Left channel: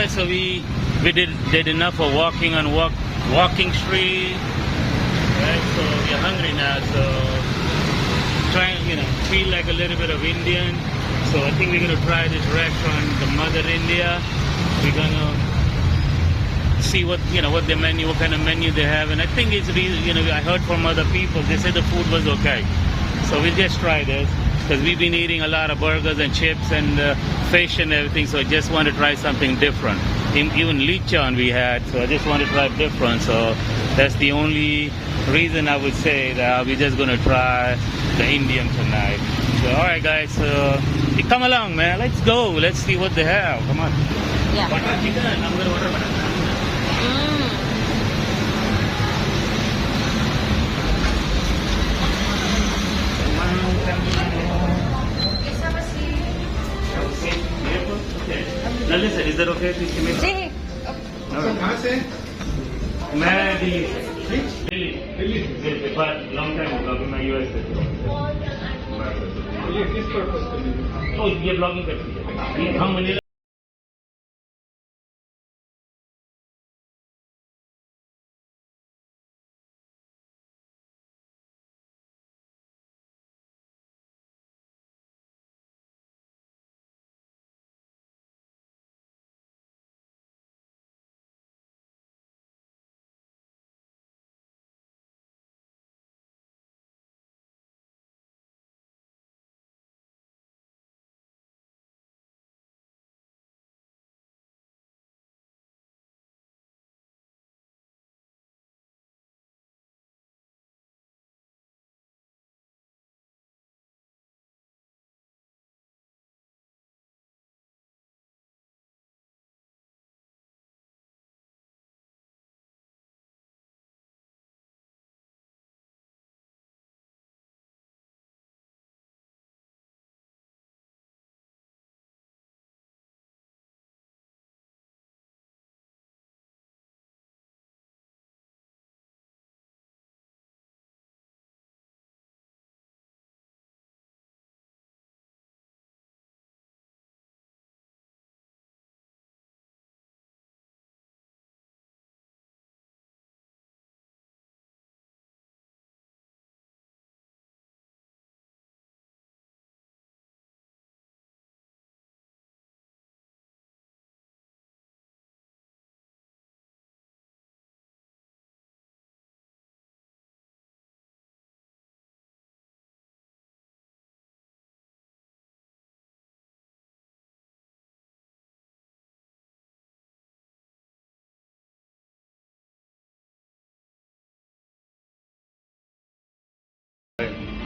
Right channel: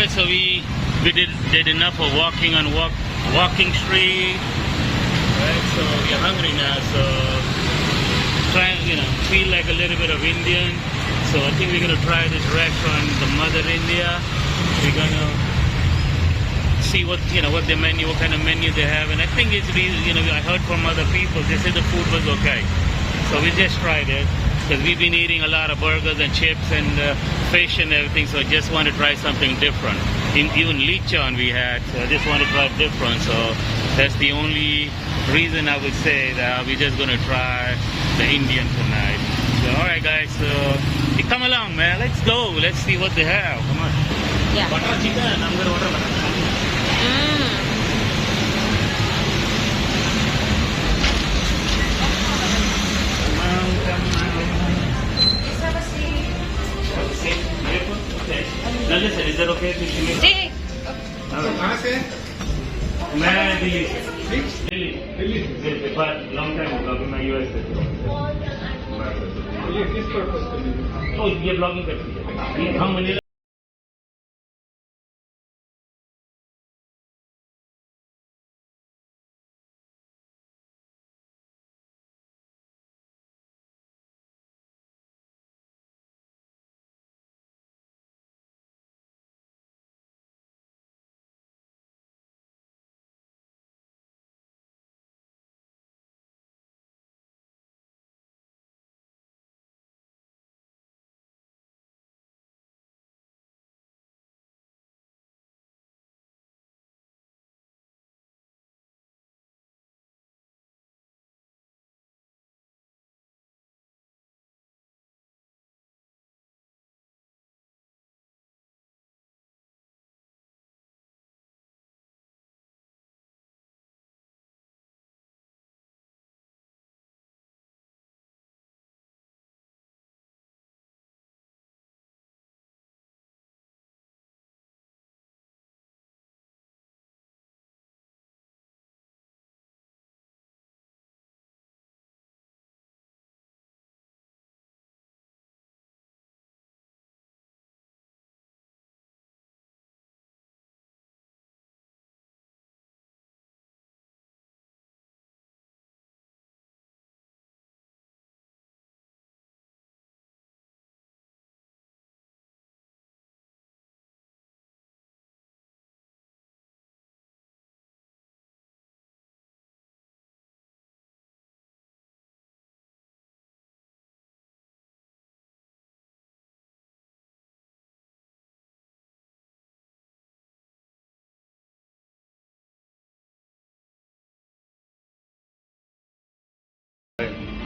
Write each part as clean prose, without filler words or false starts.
Alright, so we did enough of walking on walking street. Right, so we're hungry now, so trying, feel like a little bit of Indian. So I think we're gonna try this restaurant, the Mother India. We're gonna see what kind of menu they have, and I think I heard from other people, they said the food was okay. So we just tried it because we've been eating a lot of burgers and chips and fish and everything. So I just want to try something different. Even lechon we had, so I just want to try different. So that's the only reason I would say that we're just gonna try the Indian tonight. So alright guys, come along man, let's go, let's see what they have. Come on. Yeah. Butter chicken, I'm gonna order butter chicken. Listen, is that okay to make? See? कहाँ से? मैं Delhi but long time ago अभी मैं US से था। ये किस purpose के लिए? तो ये ब्लॉगिंग करती है। हम Manila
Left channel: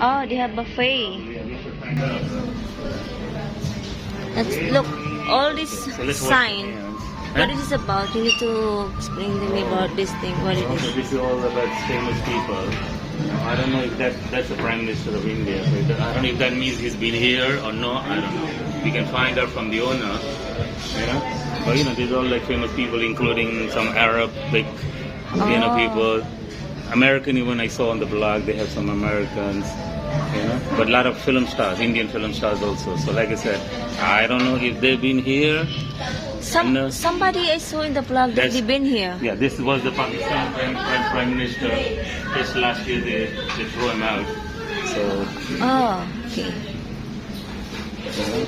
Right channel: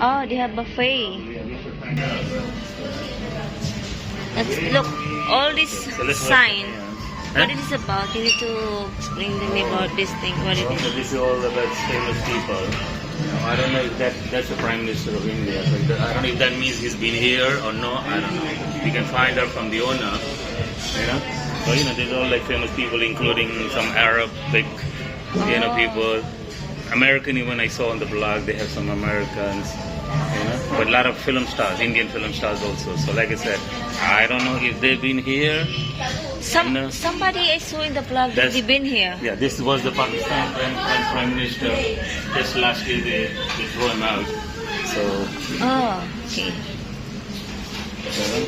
Oh, they have buffet. Let's look. All this sign. What it is about? You need to explain to me about this thing. What it is. This is all about famous people. I don't know if that's the Prime Minister of India. So I don't know if that means he's been here or no. I don't know. We can find out from the owner. But these are all like famous people, including some Arab people. American, even I saw on the blog, they have some Americans, but a lot of film stars, Indian film stars also. So like I said, I don't know if they've been here. Somebody I saw in the blog that they've been here. Yeah, this was the Pakistan Prime Minister. Just last year they threw him out. So. Oh, okay.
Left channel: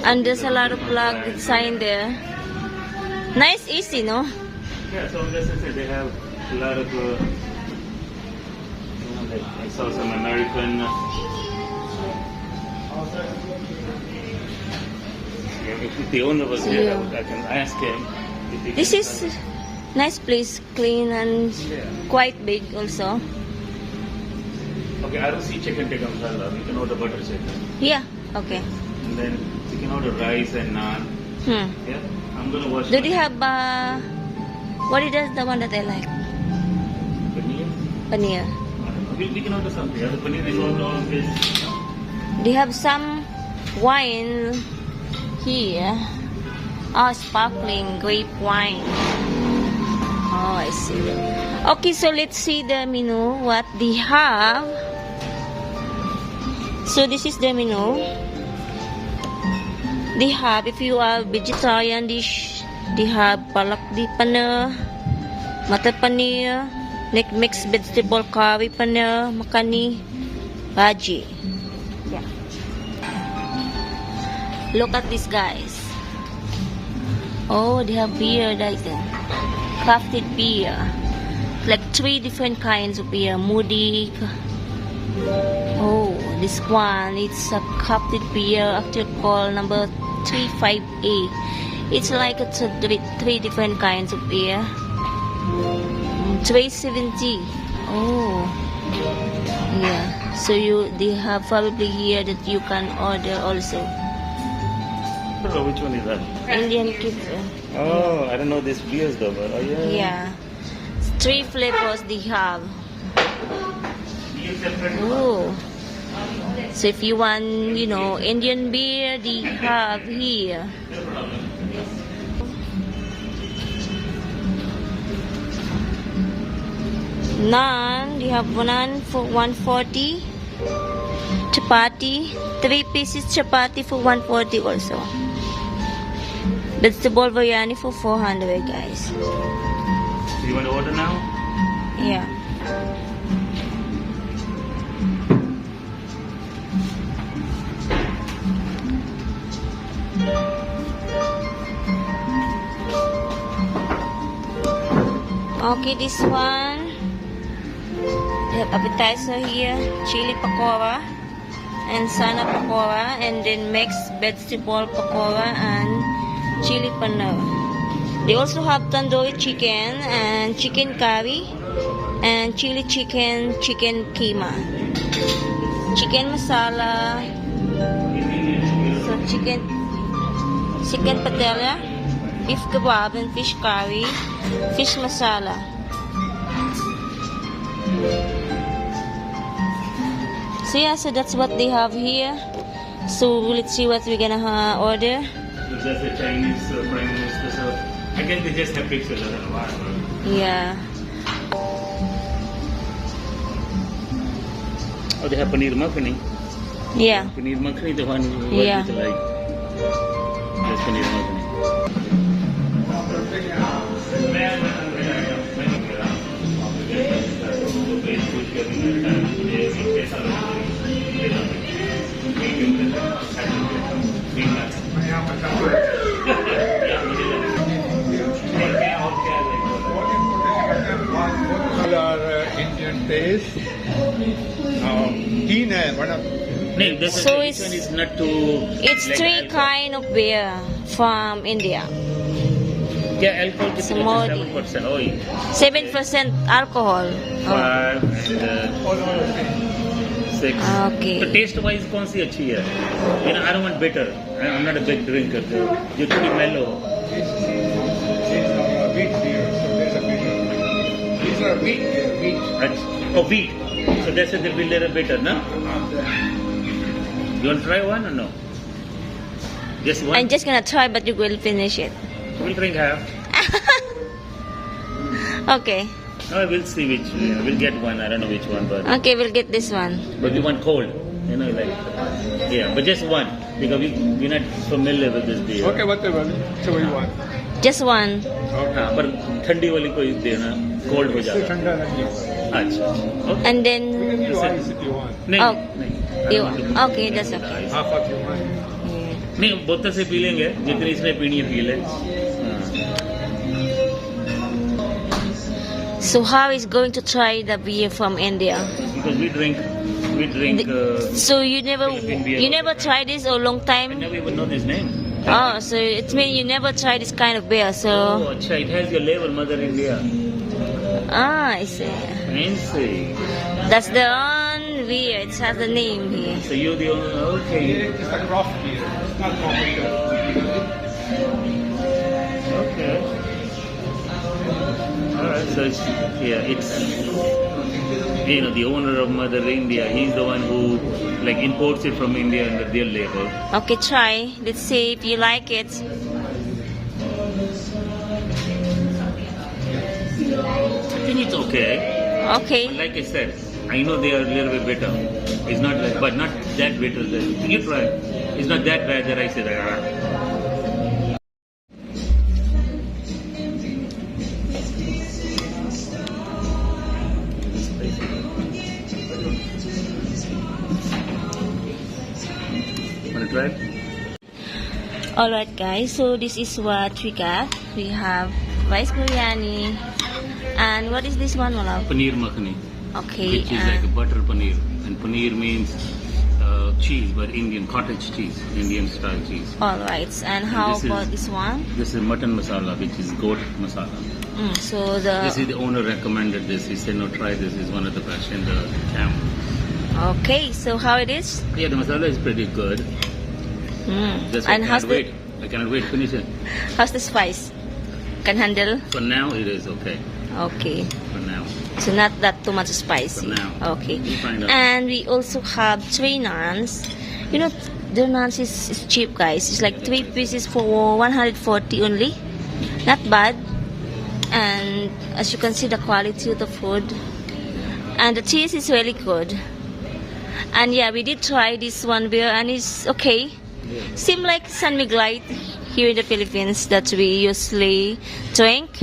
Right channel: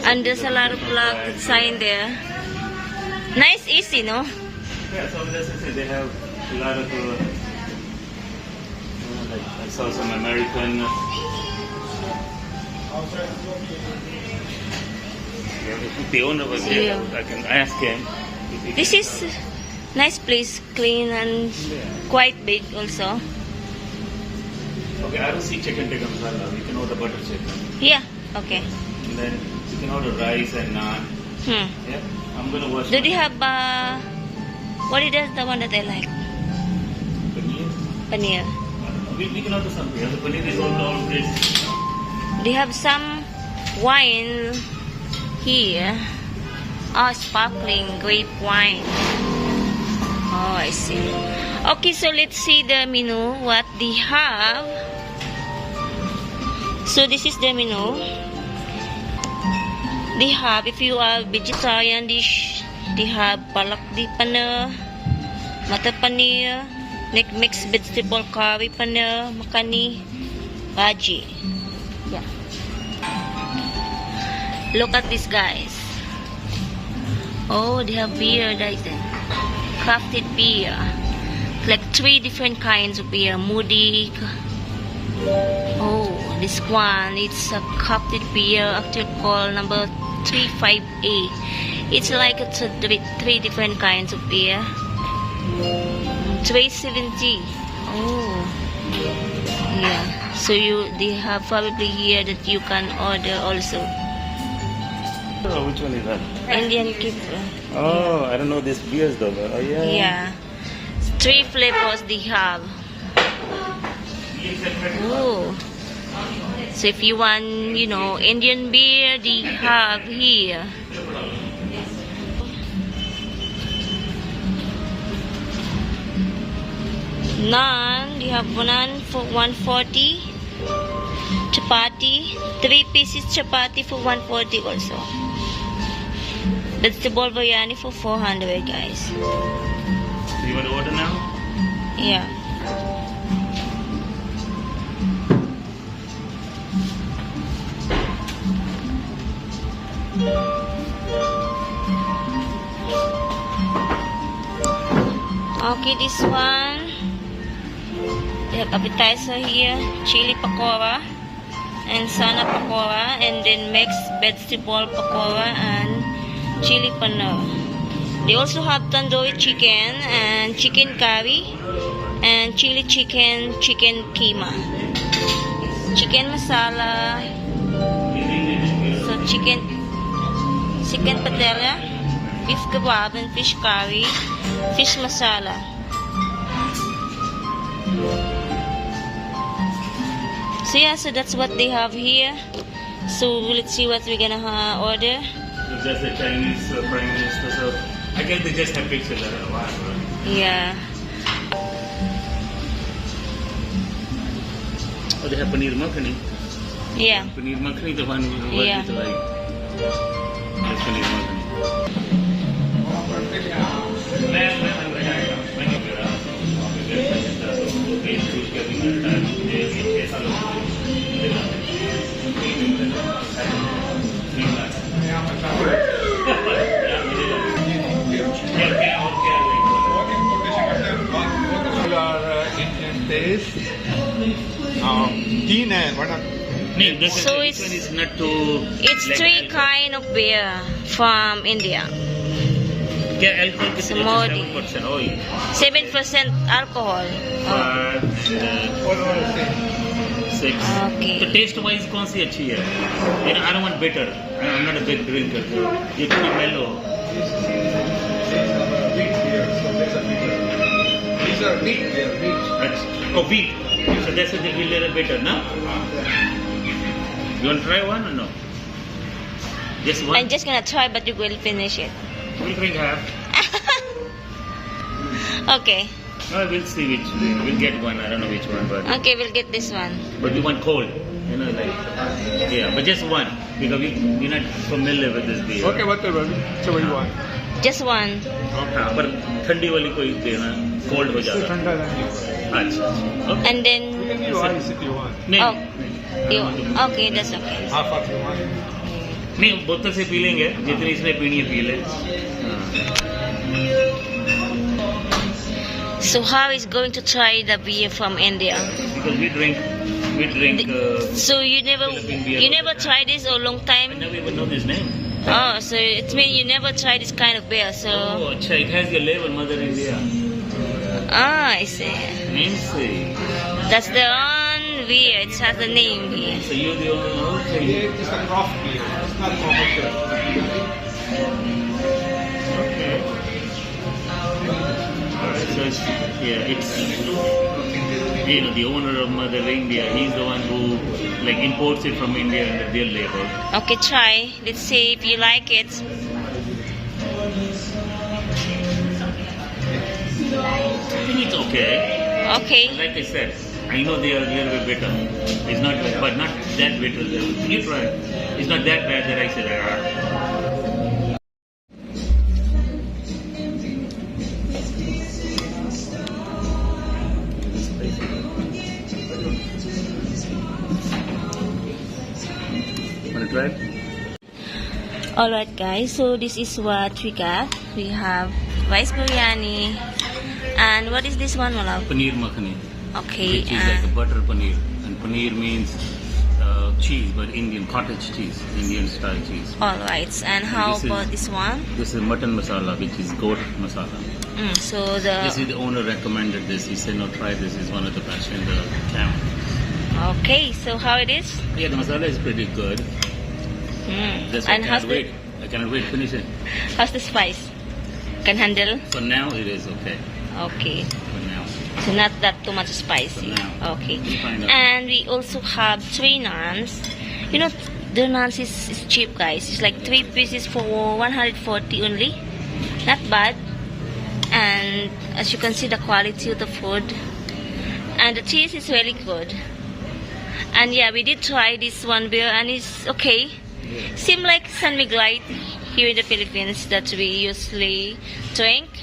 And there's a lot of blog sign there. Nice, easy, no? Yeah, so as I said, they have a lot of. I saw some American. If the owner was here, I can ask him. This is nice place, clean and quite big also. Okay, I don't see chicken tikka masala. We can order butter chicken. Yeah, okay. And then you can order rice and naan. Yeah, I'm gonna wash. Do they have what is the one that I like? Paneer? Paneer. We can order something. The paneer is all this. They have some wine here. Oh, sparkling grape wine. Oh, I see. Okay, so let's see the menu. What they have. So this is the menu. They have, if you are vegetarian dish, They have palakdi paneer, matar paneer, mixed vegetable curry paneer, makhani, bhaji. Yeah. Look at this, guys. Oh, they have beer, I think. Crafted beer. Like 3 different kinds of beer. Moody. Oh, this one, it's a crafted beer, actually called number 35A. It's like it's a 3 different kinds of beer. 370. Oh, yeah. So they have probably here that you can order also. Oh, which one is that? Indian kipper. Oh, I don't know this beers though. But, oh, yeah. Yeah. 3 flavors they have. Oh. So if you want, Indian beer, they have here. Naan, you have naan for 140. Chapati, 3 pieces chapati for 140 also. Vegetable biryani for 400, guys. You want to order now? Yeah. Okay, this one. They have appetizer here, chili pakora and sana pakora, and then mixed vegetable pakora and chili paneer. They also have tandoori chicken and chicken curry and chili chicken keema, chicken masala, so chicken patella, beef kebab and fish curry, fish masala. So yeah, so that's what they have here. So let's see what we're gonna order. So that's the Chinese prime minister. So I guess they just have pictures. I don't know why. Yeah. Oh, they have paneer makhani. Yeah. Paneer makhani, the one who Yeah. was like. That's paneer makhani. Indian taste. Keen hai, bada. No, this So one is not too. It's like 3 alcohol. kind of beer from India. Yeah, alcohol is Samodi. 7%. Oh, yeah. 7% alcohol. 5 and 6. Okay. So taste wise, कौन सी अच्छी है? I don't want bitter. I'm not a big drinker. So you should be mellow. These are wheat beer. Oh, wheat. So that's a little bitter, no? You want to try one or no? Just one. I'm just gonna try, but you will finish it. We'll drink half. Okay. No, we'll see which. We'll get one. I don't know which one, but Okay, we'll get this one. we want cold. Yeah, but just one because we're not familiar with this beer. Okay, whatever. So what you want? Just one. हाँ, पर ठंडी वाली कोई देना, cold हो जाता है. ठंडा नहीं है. अच्छा. Okay. And then, We can give ice if you want. नहीं, Oh. नहीं. I don't want to- okay, that's okay. Half of you want. नहीं, बोतल से पी लेंगे, जितनी इसमें पीनी है पी ले. हाँ. So how is going to try the beer from India? Because we drink. So you never Philippine beer. tried this or long I time? never even know his name. Oh, so it means you never tried this kind of beer. So Oh, अच्छा, it has your label, Mother India. I see. Fancy. That's the one beer. It has a name here. So you're the only. Okay. It's a craft beer. It's not commercial. Okay. Alright, so it's the owner of Mother India, he's the one who imports it from India under their label. Okay, try. Let's see if you like it. I think it's okay. Okay. But like I said, I know they are a little bit bitter. It's not but not that bitter. You try. It's not that bad that I said, Alright guys, so this is what we got. We have rice biryani. And what is this one, Malate? Paneer makhani. Okay. Which is like a butter paneer. And paneer means cheese, but Indian cottage cheese, Indian style cheese. Alright, and how about this one? This is mutton masala, which is goat masala. This is the owner recommended this. He said, no, try this. It's one of the best in the town. Okay, so how it is? Yeah, the masala is pretty good. Just I cannot wait. I cannot wait to finish it. How's the spice? Can handle? For now, it is okay. Okay. For now. So not that too much spicy. For now. Okay. We'll find out. And we also have 3 naans. You know, the naans is cheap, guys. It's like 3 pieces for 140 only. Not bad. And as you can see, the quality of the food. And the cheese is really good. And yeah, we did try this one beer and it's okay. Yeah. Seem like San Miguelite here in the Philippines that we usually drink.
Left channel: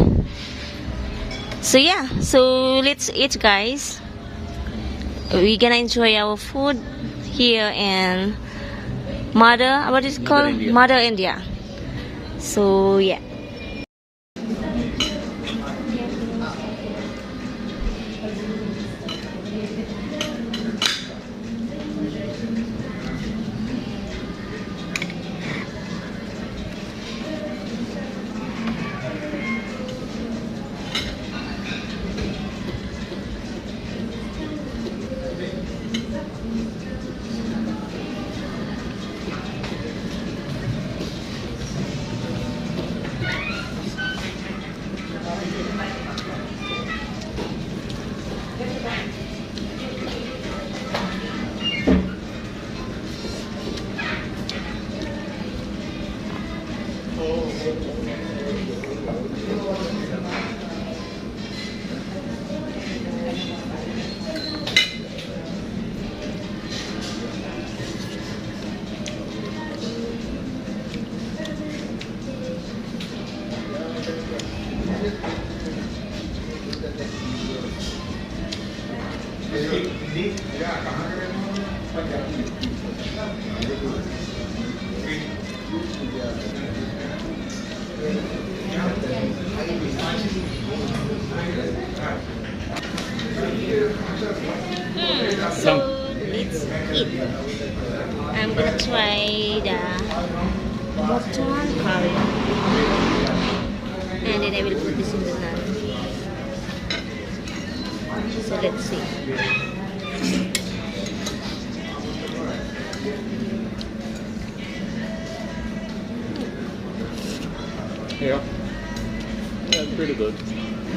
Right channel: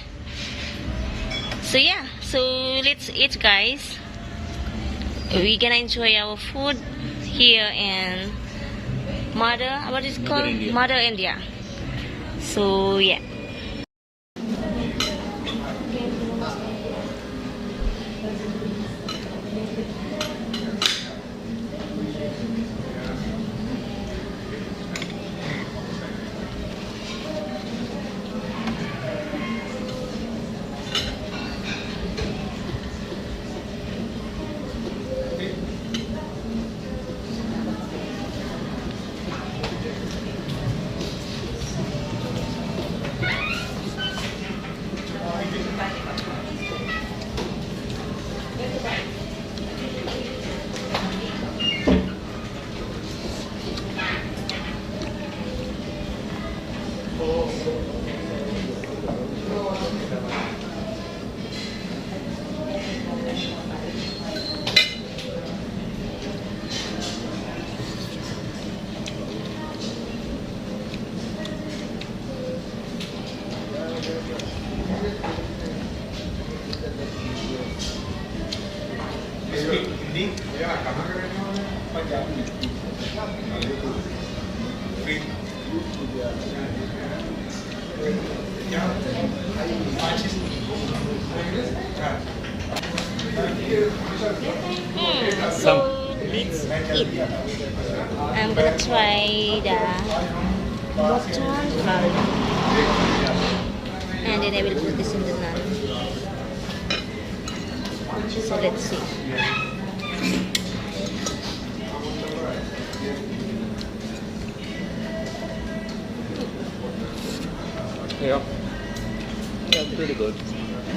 So yeah, so let's eat, guys. We're gonna enjoy our food here in what is it called? Mother India. So yeah. So let's eat. I'm gonna try the mutton curry, and then I will put this in the naan. So let's see. Yeah. That's pretty good.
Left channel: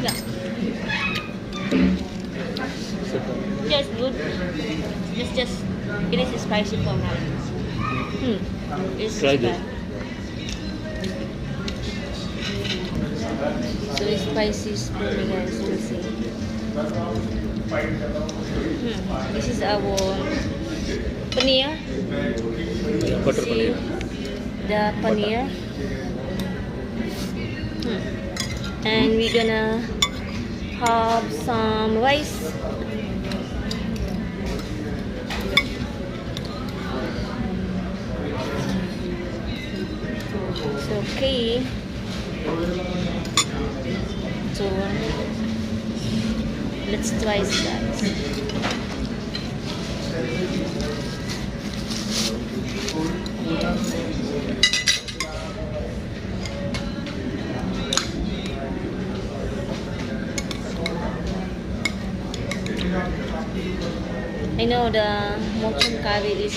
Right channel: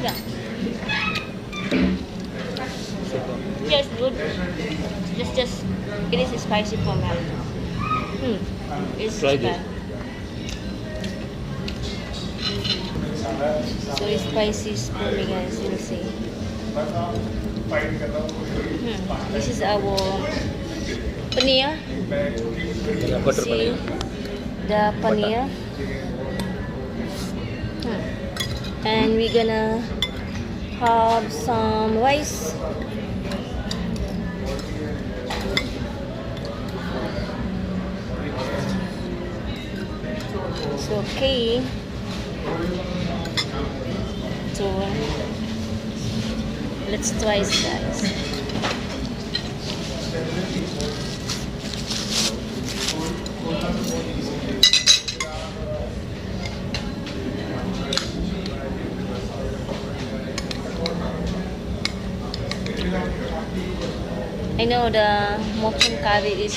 Yeah. Yes, good. Just it is spicy for me. It's Try bad. So it's spicy for me, guys. We'll see. This is our paneer. Yeah, butter See paneer. the paneer. And we're gonna have some rice. It's okay. So let's try that. I know the mutton curry is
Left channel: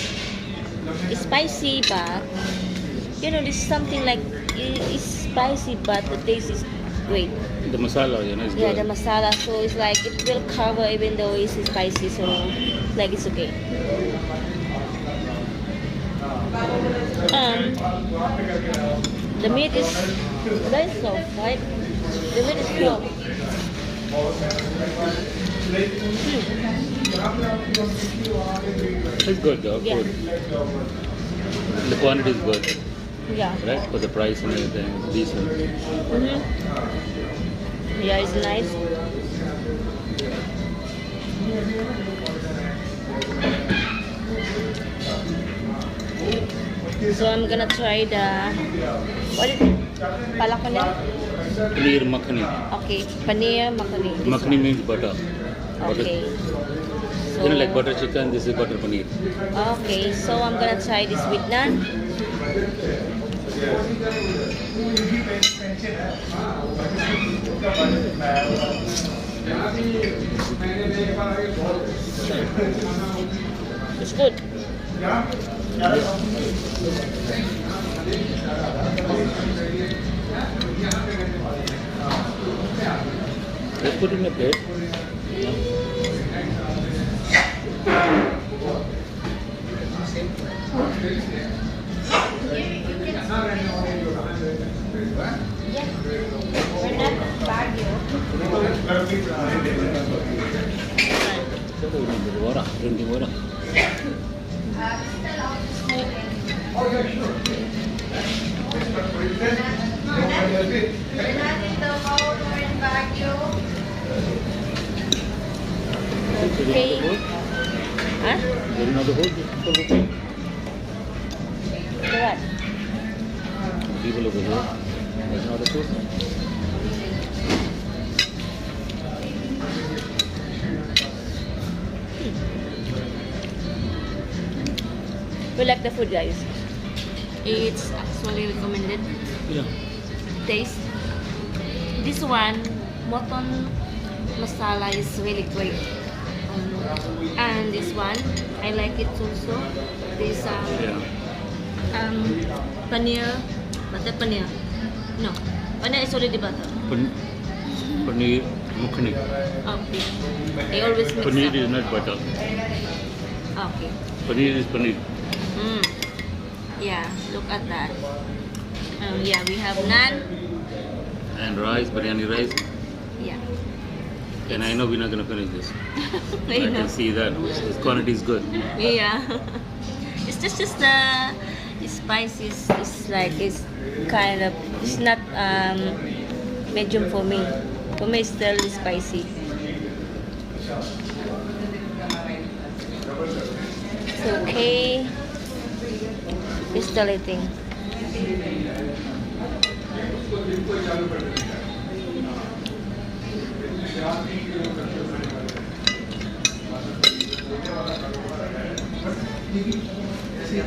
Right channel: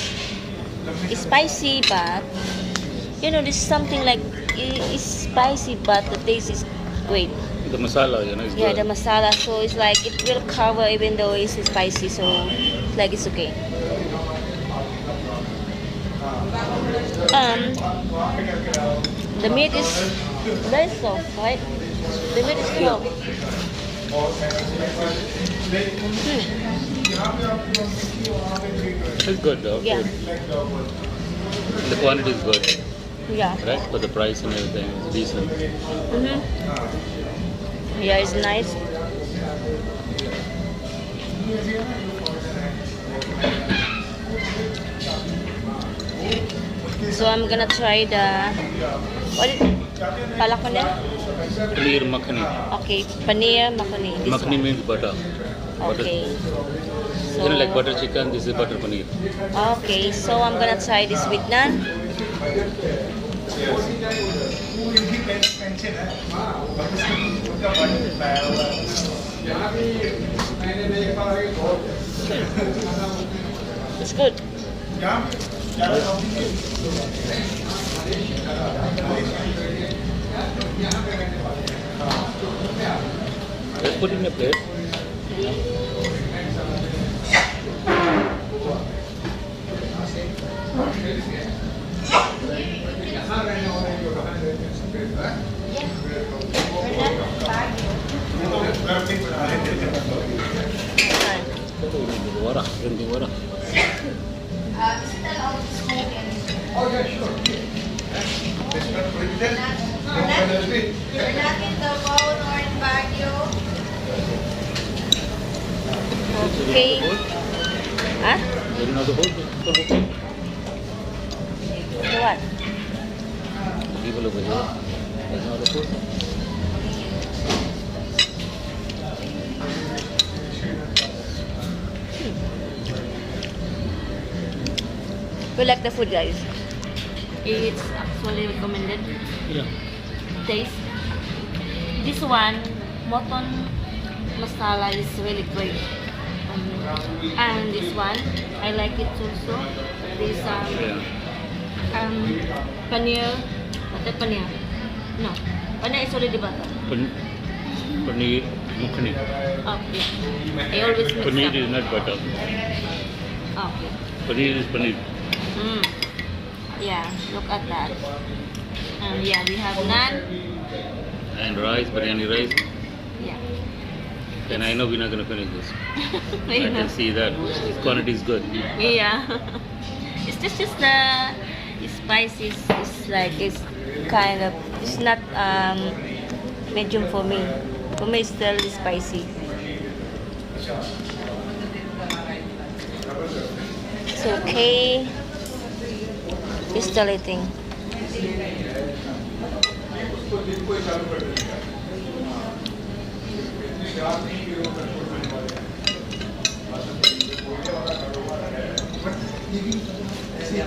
spicy, but you know, this is something like it's spicy, but the taste is great. The masala, you know, is Yeah, good. the masala, so it's like it will cover even though it's spicy, so like it's okay. The meat is very soft, right? The meat is soft. It's good though. Yeah. Good. The quantity is good, Yeah. right? For the price and everything, it's decent. Yeah, it's nice. So I'm gonna try the what is it? Palak paneer? Paneer makhani. Okay, paneer makhani. This Makhani one. means butter. Butter. Okay. You know, like butter chicken, this is butter paneer. Okay, so I'm gonna try this with naan. It's good. Let's put in a plate. Drinking water. Okay. Huh? You know the whole thing? What? People over here. There's no other food. We like the food, guys. It's actually recommended. Yeah. Taste. This one, mutton masala is really great. And this one, I like it also. This Yeah. paneer, butter paneer. No, paneer is already butter. Paneer makhani. Okay. I always mix Paneer up. is not butter. Okay. Paneer is paneer. Yeah, look at that. Yeah, we have naan. And rice, biryani rice. Yeah. And I know we're not going to finish this. I I know. can see that. This quantity is good. Yeah. It's just the spice is like it's kind of it's not medium for me. For me it's still spicy. It's okay. Just a little thing. Yeah.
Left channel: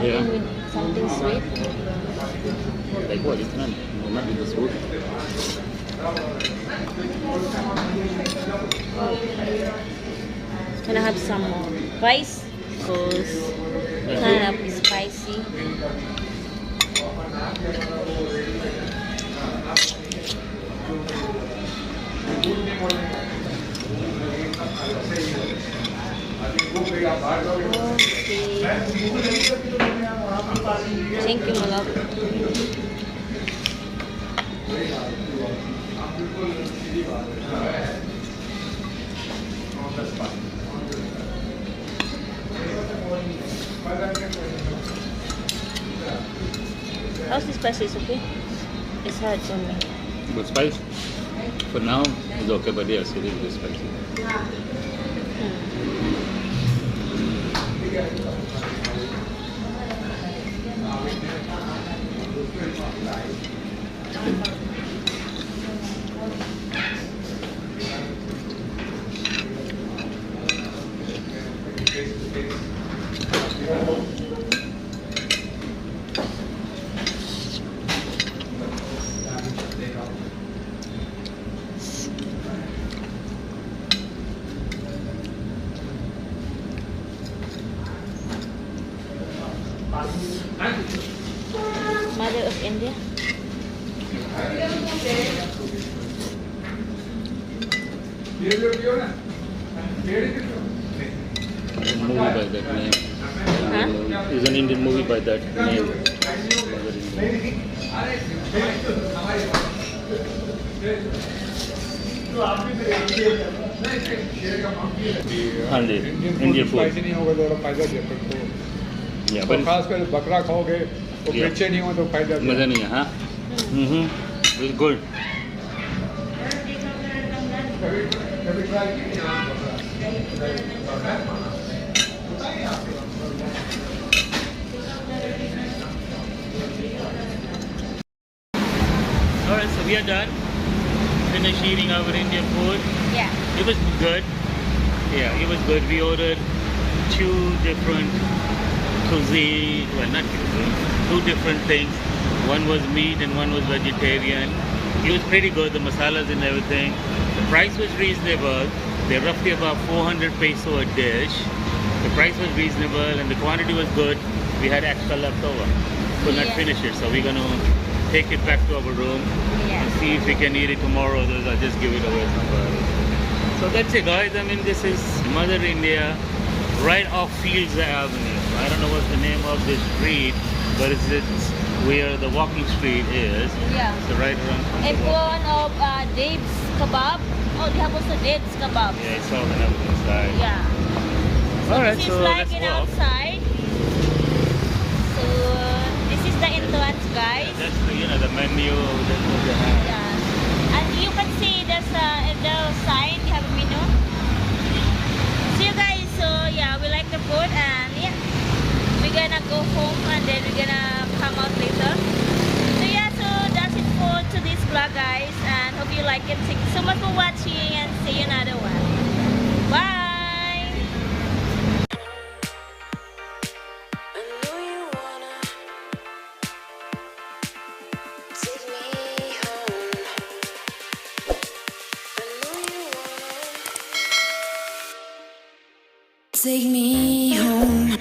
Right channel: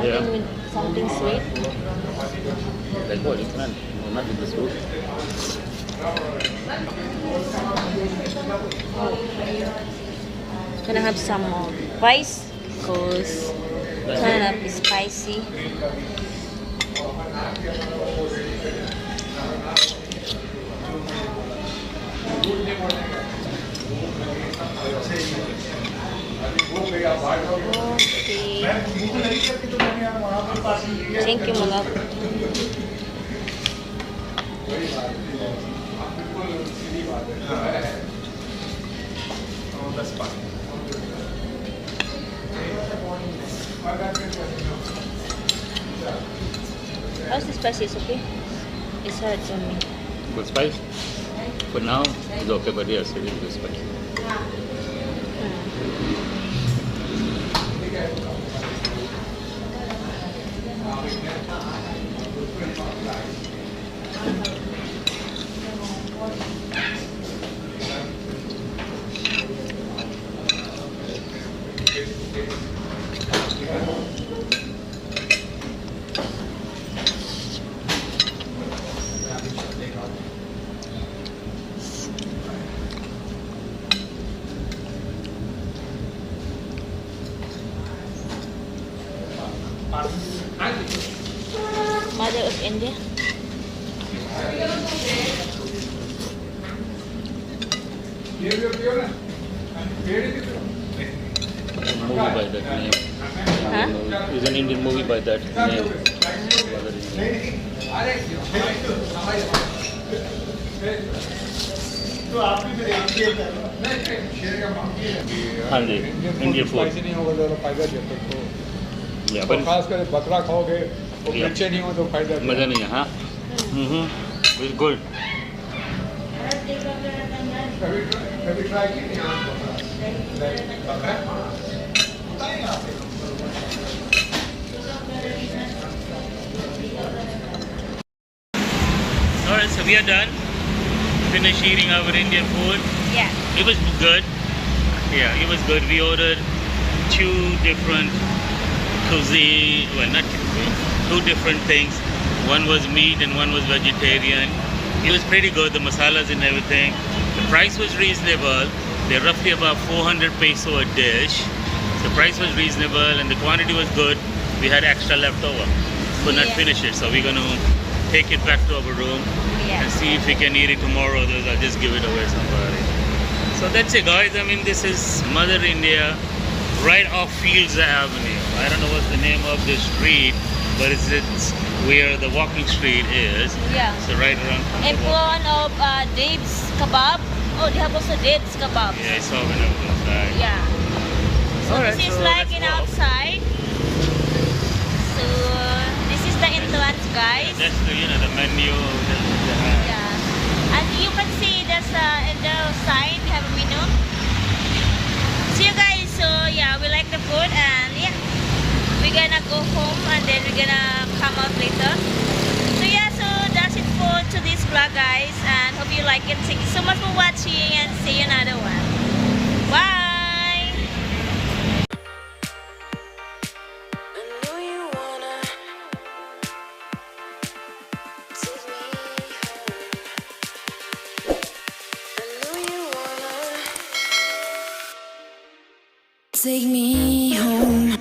Again with something sweet. Like what? It's not with this food. Can I have some more rice? Because kind of spicy. Okay. Thank you, Malate. How's the spices, okay? It's hard for me. Good spice? For now, it's okay, but yes, it is good spicy. Mother of India. It's a movie by that name. Huh? It's an Indian movie by that name. हाँ जी Indian food spicy नहीं होगा तो थोड़ा फायदा दिया फिर तो या और खास कर बकरा खाओगे और Yeah. मिर्चे नहीं हो तो फायदा दिया मज़ा नहीं है हाँ It's good. Have you tried it? Okay. Alright, so we are done. Finished eating our Indian food. Yeah. It was good. Yeah, it was good. We ordered two different cuisine, well not cuisine, two different things. One was meat and one was vegetarian. It was pretty good, the masalas and everything. The price was reasonable. They're roughly about 400 peso a dish. The price was reasonable and the quantity was good. We had extra left over. Could not Yeah. finish it, so we're gonna take it back to our room Yeah. and see if we can eat it tomorrow. Otherwise, I'll just give it away to somebody. So that's it, guys. I mean, this is Mother India, right off Fields Avenue. I don't know what's the name of this street, but it's where the walking street is. Yeah. So right around. In front of Dave's Kebab. Oh, they have also Dave's Kebab. Yeah, I saw it over this side. Yeah. So Alright, this is so like let's in go. outside. So this is the entrance, guys. That's the the menu. Yeah. And you can see there's in the sign you have a menu. So you guys, so yeah, we like the food and yeah, we're gonna go home and then we're gonna come out later. So yeah, so that's it for today's vlog, guys, and hope you like it. Thank you so much for watching and see you another one. Bye. I know you wanna take me home. I know you wanna take me home.